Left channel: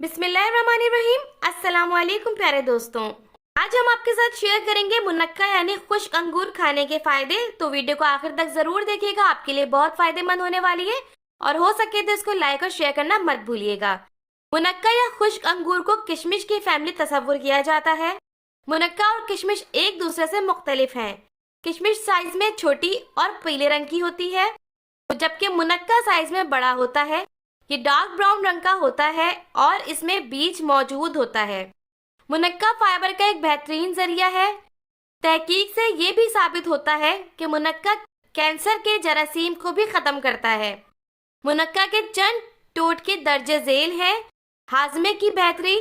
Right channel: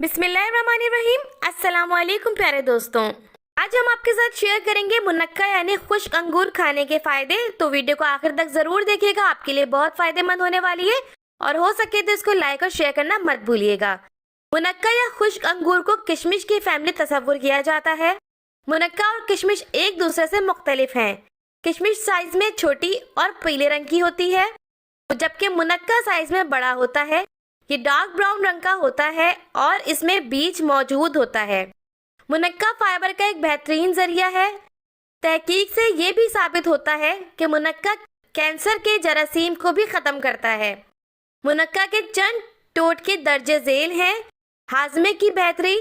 बिस्मिल्लाहिर्रहमानिर्रहीम। अस्सलाम वालेकुम प्यारे दोस्तों, आज हम आपके साथ शेयर करेंगे मुनक्का यानी खुश्क अंगूर खाने के फायदे। तो वीडियो को आखिर तक जरूर देखिएगा, आपके लिए बहुत फायदेमंद होने वाली है और हो सके तो इसको लाइक और शेयर करना मत भूलिएगा। मुनक्का या खुश्क अंगूर को किशमिश की फैमिली तस्वुर किया जाता है। मुनक्का और किशमिश एक दूसरे से मुख्तलिफ हैं। किशमिश साइज में छोटी और पीले रंग की होती है, जबकि मुनक्का साइज में बड़ा होता है। ये डार्क ब्राउन रंग का होता है और इसमें बीज मौजूद होता है। मुनक्का फाइबर का एक बेहतरीन जरिया है। तहकीक से ये भी साबित होता है कि मुनक्का कैंसर के जरासीम को भी खत्म करता है। मुनक्का के चंद टोटके दर्जे झेल हैं। हाजमे की बेहतरी।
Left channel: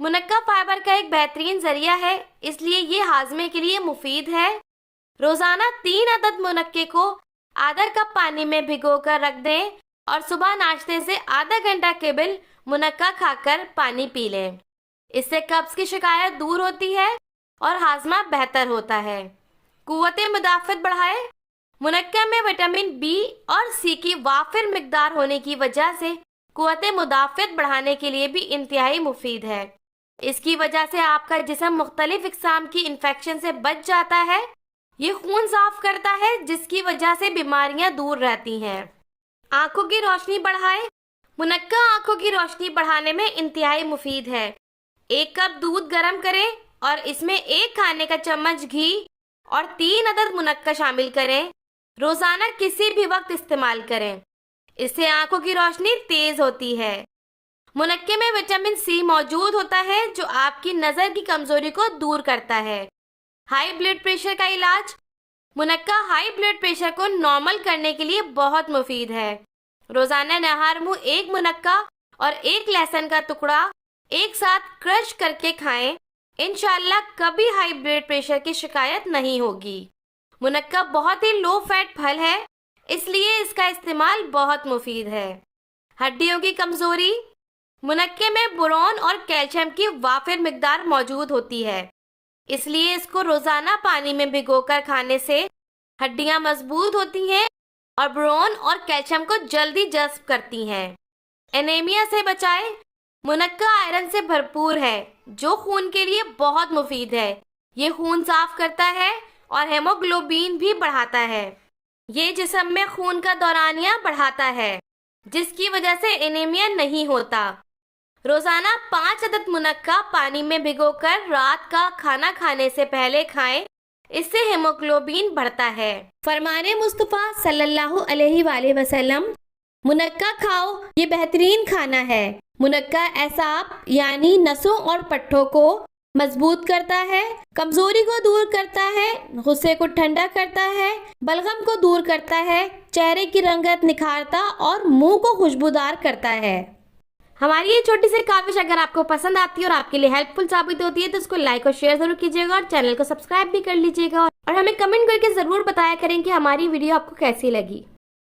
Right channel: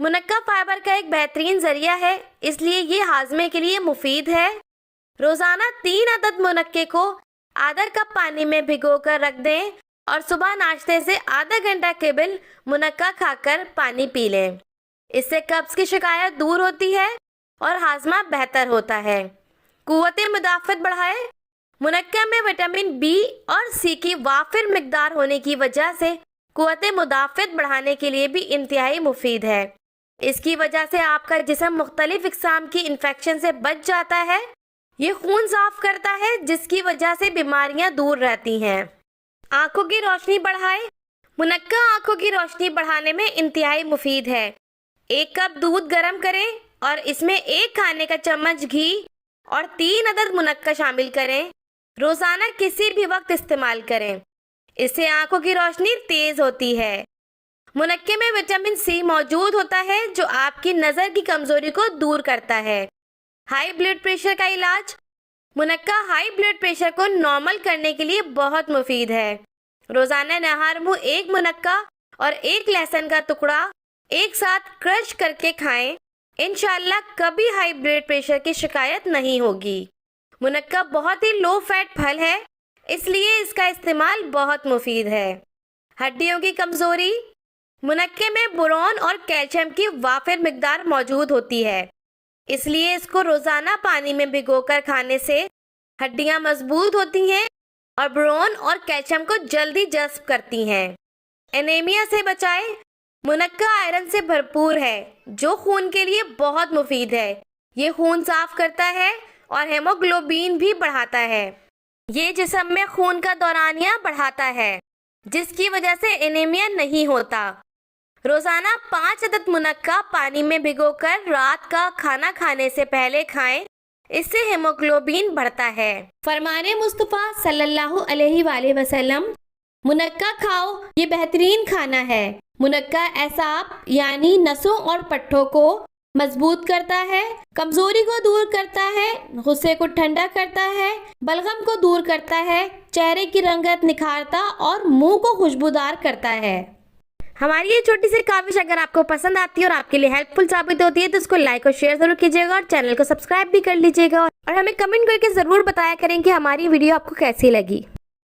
मुनक्का फाइबर का एक बेहतरीन जरिया है, इसलिए ये हाजमे के लिए मुफीद है। रोजाना 3 अदद मुनक्के को आधा कप पानी में भिगोकर रख दें और सुबह नाश्ते से आधा घंटा केवल मुनक्का खाकर पानी पी लें। इससे कब्ज की शिकायत दूर होती है और हाजमा बेहतर होता है। कुव्वते मुदाफ़त बढ़ाए। मुनक्का में विटामिन बी और सी की वाफिर मिकदार होने की वजह से कुव्वते मुदाफ़त बढ़ाने के लिए भी इंतहाई मुफीद है। इसकी वजह से आपका जिस्म मुख्तलिफ इक़साम की इन्फेक्शन से बच जाता है। ये खून साफ करता है, जिसकी वजह से बीमारियां दूर रहती हैं। आंखों की रोशनी बढ़ाए। मुनक्का आंखों की रोशनी बढ़ाने में इंतहाई मुफीद है। 1 कप दूध गर्म करें और इसमें 1 खाने का चम्मच घी और 3 अदद मुनक्का शामिल करें। रोजाना किसी भी वक्त इस्तेमाल करें, इससे आंखों की रोशनी तेज होती है। मुनक्के में विटामिन सी मौजूद होता है, जो आपकी नज़र की कमजोरी को दूर करता है। हाई ब्लड प्रेशर का इलाज। मुनक्का हाई ब्लड प्रेशर को नॉर्मल करने के लिए बहुत मुफीद है। रोजाना नहार मुंह 1 मुनक्का और 1 लहसुन का टुकड़ा एक साथ क्रश करके खाएं। इंशाल्लाह कभी हाई ब्लड प्रेशर की शिकायत नहीं होगी। मुनक्का बहुत ही लो फैट फल है, इसलिए इसका इस्तेमाल बहुत मुफीद है। हड्डियों की कमजोरी। मुनक्के में बोरॉन और कैल्शियम की वाफिर मिकदार मौजूद होती है, इसलिए इसको रोजाना पानी में भिगोकर खाने से हड्डियां मजबूत होती हैं और बोरॉन और कैल्शियम को जल्दी जज्ब करती हैं। एनीमिया से बचाए। मुनक्का आयरन से भरपूर है, जो खून के लिए बहुत मुफीद है। ये खून साफ करता है और हेमोग्लोबिन भी बढ़ाता है। ये जिस्म में खून का दौरानिया बढ़ाता है, जिसकी वजह से एनीमिया नहीं होता। रोजाना 5 अदद मुनक्का पानी में भिगोकर रात का खाना खाने से पहले खाएं, इससे हेमोग्लोबिन बढ़ता है। फरमाने मुस्तफा सल्लल्लाहु अलैहि वसल्लम, मुनक्का खाओ, ये बेहतरीन खाना है। मुनक्का एसाब यानी नसों और पट्ठों को मजबूत करता है, कमजोरी को दूर करता है, गुस्से को ठंडा करता है, बलगम को दूर करता है, चेहरे की रंगत निखारता और मुंह को खुशबूदार करता है। हमारी ये छोटी सी काविश अगर आपको पसंद आती है और आपके लिए हेल्पफुल साबित होती है तो इसको लाइक और शेयर जरूर कीजिएगा और चैनल को सब्सक्राइब भी कर लीजिएगा और हमें कमेंट करके जरूर बताया करें कि हमारी वीडियो आपको कैसी लगी।